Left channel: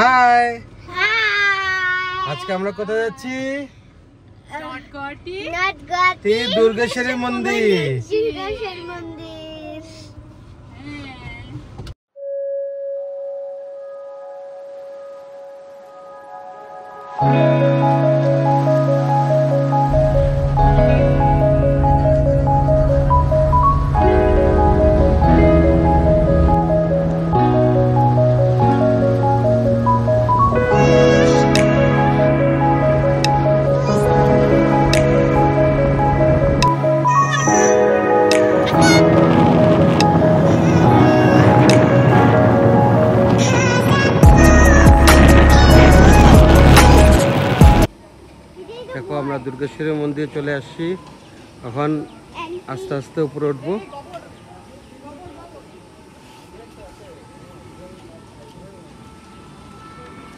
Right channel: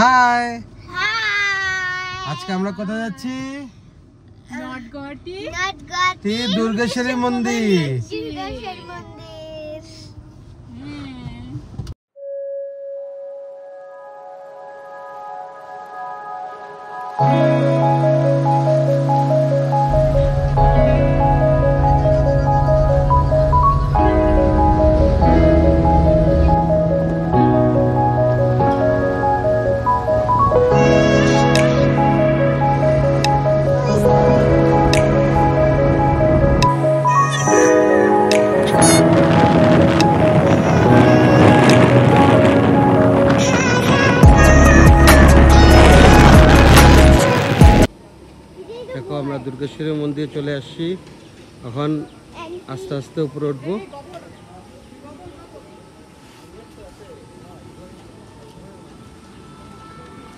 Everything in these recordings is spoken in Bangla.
হাই, আজকে আমরা কোথায় যাচ্ছি? দুর্গেশ্বরী মন্দির। দেখো আমরা দুর্গেশ্বরী মন্দিরে চলে আসছি। এখন আস্তে আস্তে উপরে উঠবো।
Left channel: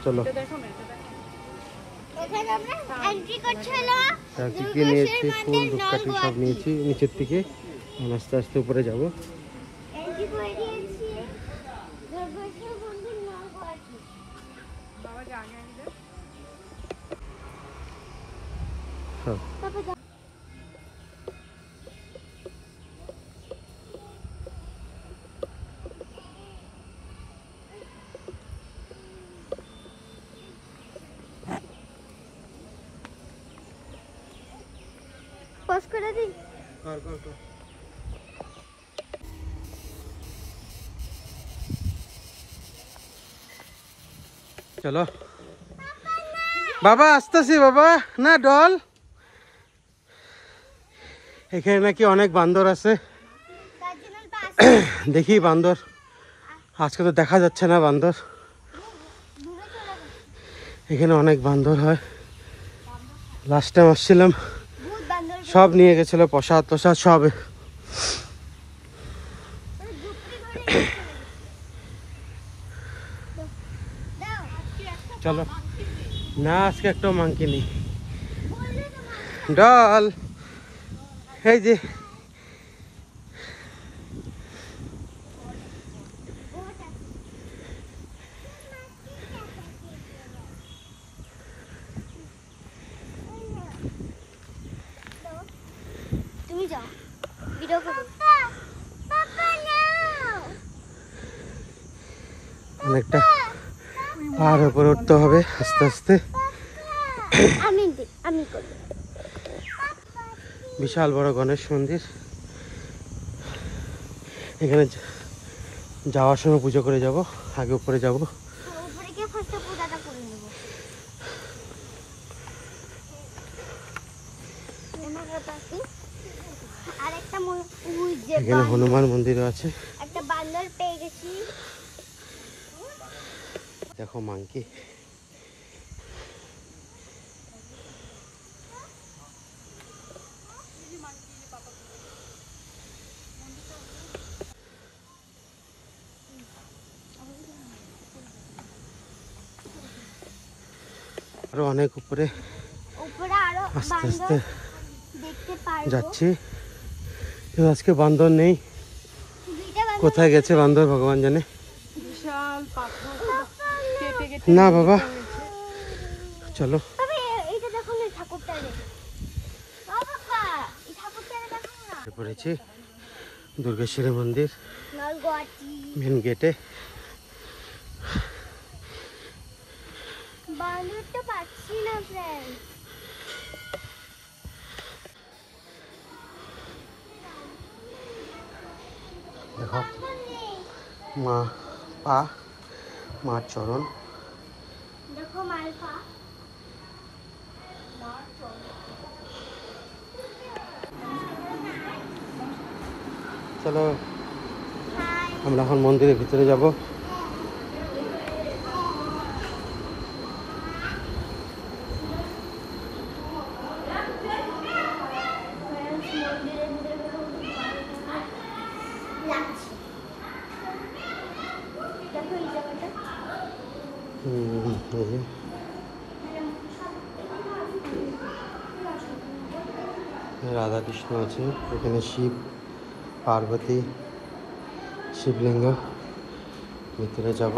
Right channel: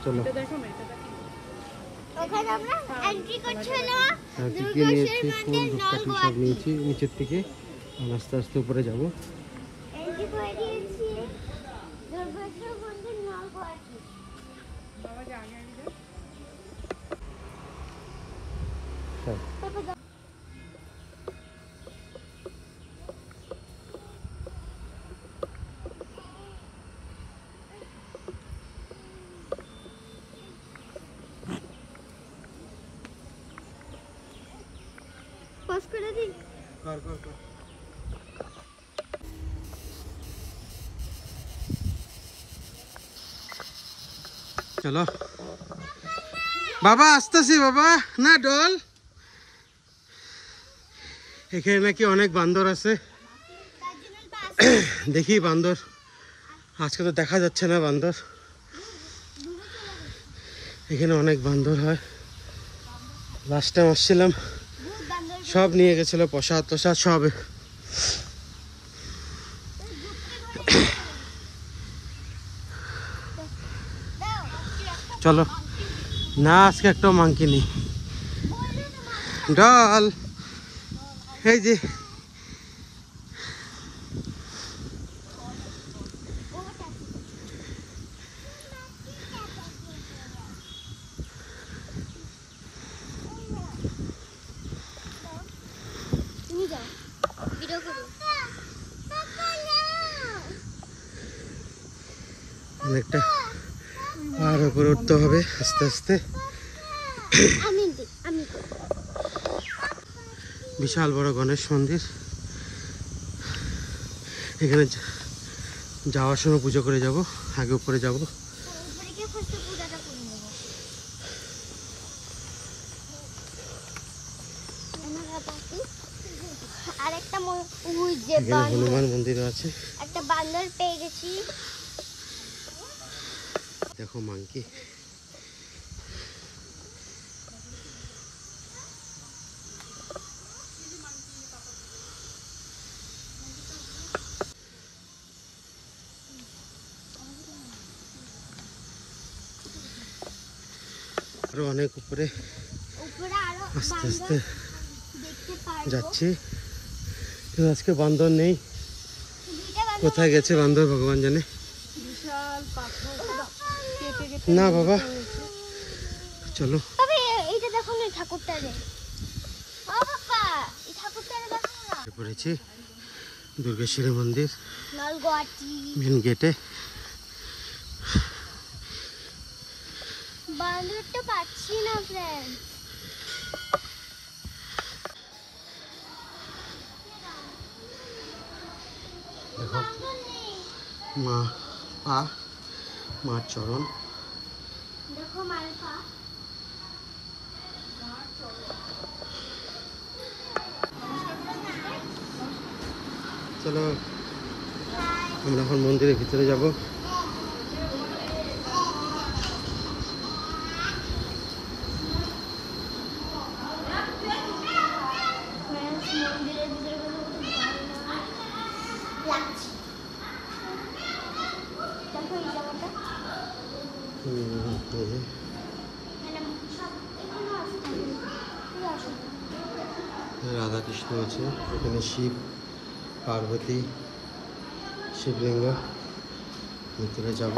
চলো, নিয়েছি ফুল ধূপকাঠি সব নিয়েছি নিচের থেকে। আস্তে আস্তে উপরে যাবো। চলো বাবা, আসতেছি বাবা। না ডল, এখানে নাকি অনেক বান্দর আছে। দেখি বান্দর, আজকে তো দেখা যাচ্ছে না বান্দর। এখানে অনেক বান্দর হয়। লাস্ট টাইম আসছিলাম, সব নিয়ে গেছিল প্রসাদ টসাদ সব। চলো না, আজকে একটাও মাংকি নেই। ডাল এই যে অনেকটা পাহাড়ের উপরে উঠতে হবে আস্তে আস্তে। বিশাল বড় গণেশ মন্দির। এখানে যাওয়ার সময় পুজো করে যাব, আগে উপরে যাব। এখানে হনুমান মন্দিরও আছে। দেখো মাংকি। আরো অনেক উপরে আস্তে আস্তে যাচ্ছি। আজকে বান্দর নেই, কোথায় গেছে বান্দর ভগবান জানে। না বাবা চলো, পড়েছি দুর্গেশ্বরী মন্দির মেন গেটে। দেখো মা পা, মার চরণ। চলো আমরা এখন মন্দিরের ভিতরে যাব। রাধা কৃষ্ণ আছে, এখানে শিব পার্বতী শিবলিঙ্গ। ভিতরে যাব।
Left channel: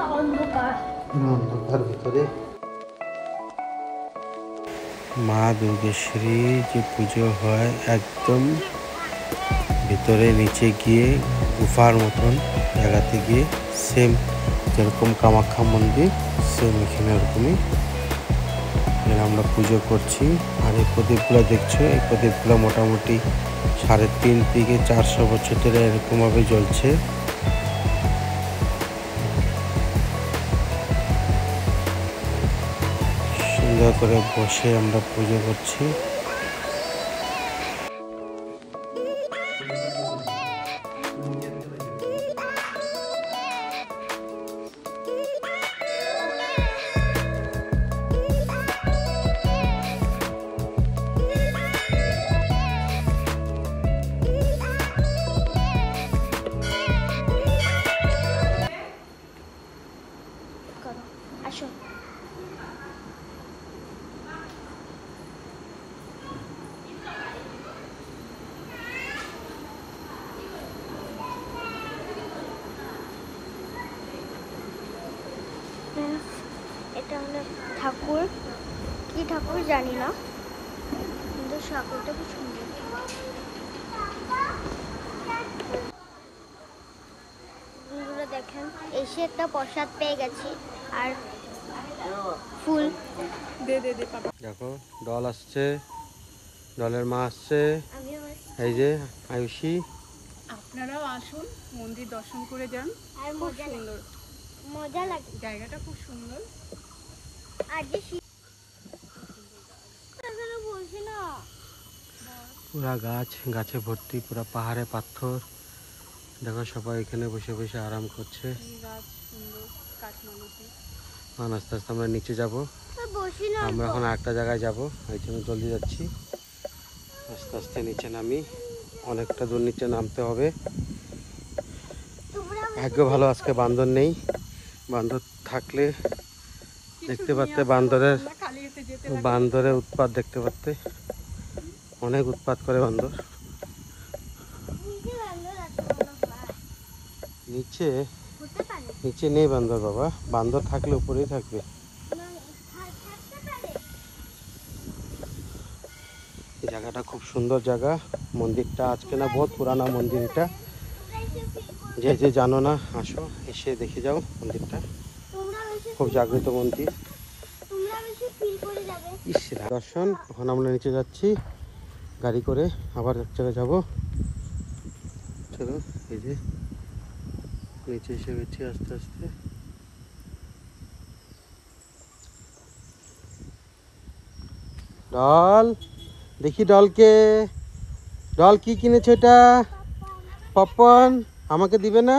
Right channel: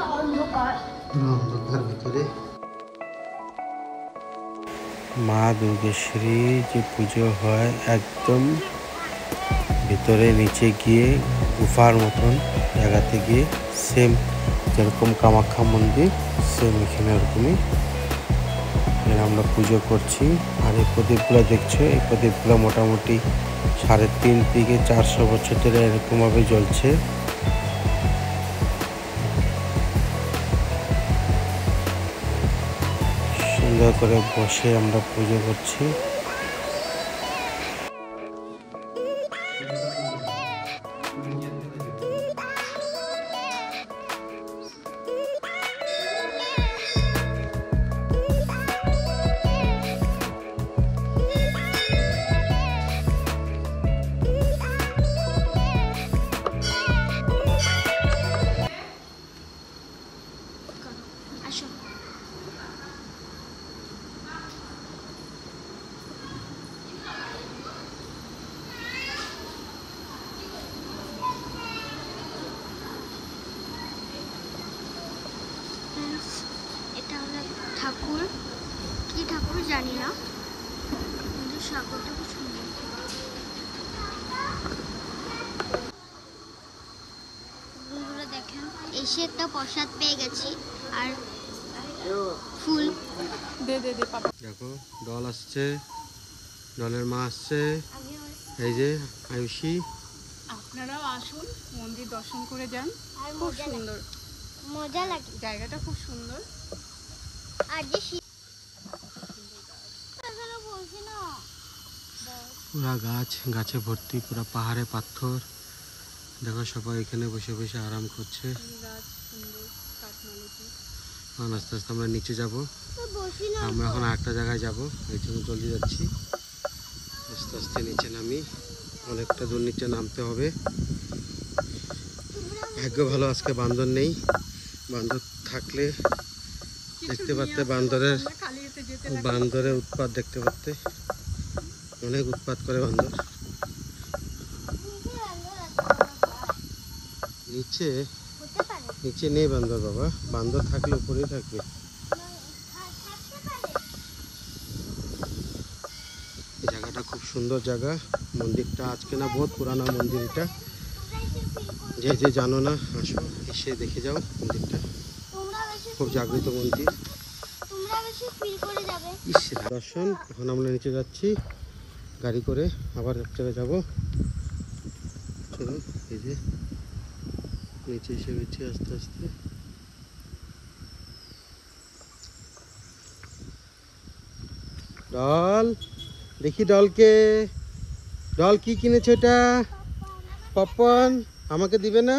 অন্ধকার ভিতরে মা দুর্গেশ্বরী যে পুজো হয় একদম ভিতরে নিচে গিয়ে গুফার মতন জায়গাতে গিয়ে সেম যেরকম কামাখ্যা মন্দির সেম এখানে ওরকমই আমরা পুজো করছি। আর এই প্রদীপগুলো দেখছো, এই প্রদীপগুলো মোটামুটি 3.5 থেকে 400 বছর ধরে এরকমভাবে জ্বলছে। সুন্দর করে বসে আমরা পুজো করছি। এটা হলো ঠাকুর, কি ঠাকুর জানি না, কিন্তু ঠাকুরটা খুব সুন্দর। বন্ধুরা দেখেন, এসে একটা প্রসাদ পেয়ে গেছি আর ফুল। দেখো দল আসছে, দলের মা আসছে, এই যে আয়ুষী। আপনারাও আসুন, মন্দির দর্শন করে যান। আর মজা লাগে, জায়গাটা খুব সুন্দর। আর যে বলছি না, পুরা গাছ, গাছে ভর্তি, পুরা পাহাড়ে পাথর। দেখো সবাই এখানে বসে বসে আরাম করছে। আস্তে আস্তে আমরা নিচে যাব, আমরা এখন আরেকটা জায়গায় যাব, এই জন্য জলদি যাচ্ছি। আস্তে আস্তে নিচে নামি, অনেকটা দূর নিচে নামতে হবে। ভাগ্য ভালো আজকে বান্দর নেই, বান্দর থাকলে দেখতে পারতে বান্দরের উৎপাত দেখতে পারতে। অনেক উৎপাত করে বান্দর। নিচে নিচে নেই বান্দর বাবা, বান্দর থাকলে উপরেই থাকবে। এই জায়গাটা খুব সুন্দর জায়গা। মন্দিরটা আজকে না, বহুত পুরানা মন্দির এটা। যে যে জানো না আসো, এসে দেখে যাও মন্দিরটা, খুব জাগ্রত মন্দির। দর্শন, এখন আমরা নিচে যাচ্ছি গাড়ি করে, আবার এক জায়গায় যাবো। চলো, এই যে নিচে এসে গেছি আস্তে আস্তে। ডল দেখি, ডলকে, ডল কি কিনেছে এটা? পপকর্ন আমাকে দিবে না?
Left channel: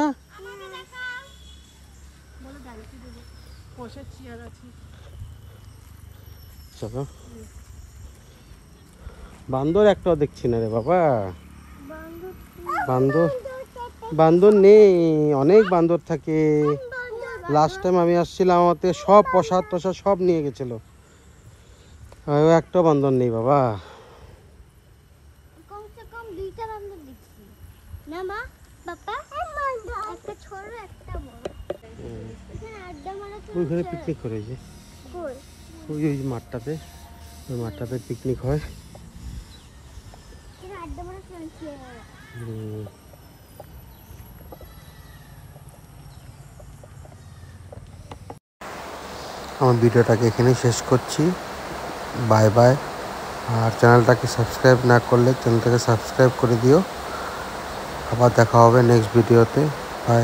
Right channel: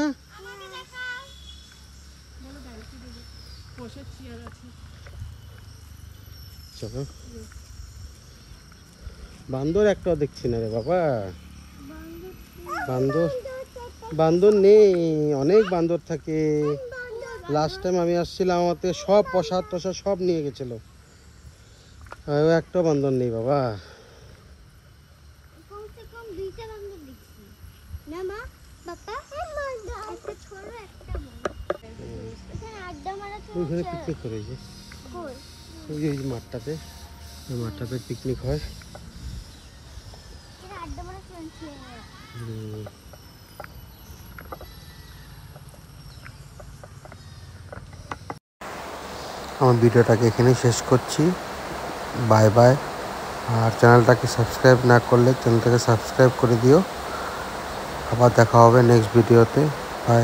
চলো, বান্দর একটাও দেখছি না রে বাবা। বান্দর নেই, অনেক বান্দর থাকে। লাস্ট টাইম আমি আসছিলাম, আমাকে সব প্রসাদ টসাদ সব নিয়ে গেছিল। একটা বান্দর নেই বাবা। ওইখানে পিকনিক করে, ওই মাঠটাতে, ওই মাঠটাতে পিকনিক হয়। আমার ভিডিওটাকে এখানেই শেষ করছি। Bye bye. আর চ্যানেলটাকে সাবস্ক্রাইব না করলে চ্যানেলটাকে সাবস্ক্রাইব করে দিও। আবার দেখা হবে নেক্সট ভিডিওতে। বাই।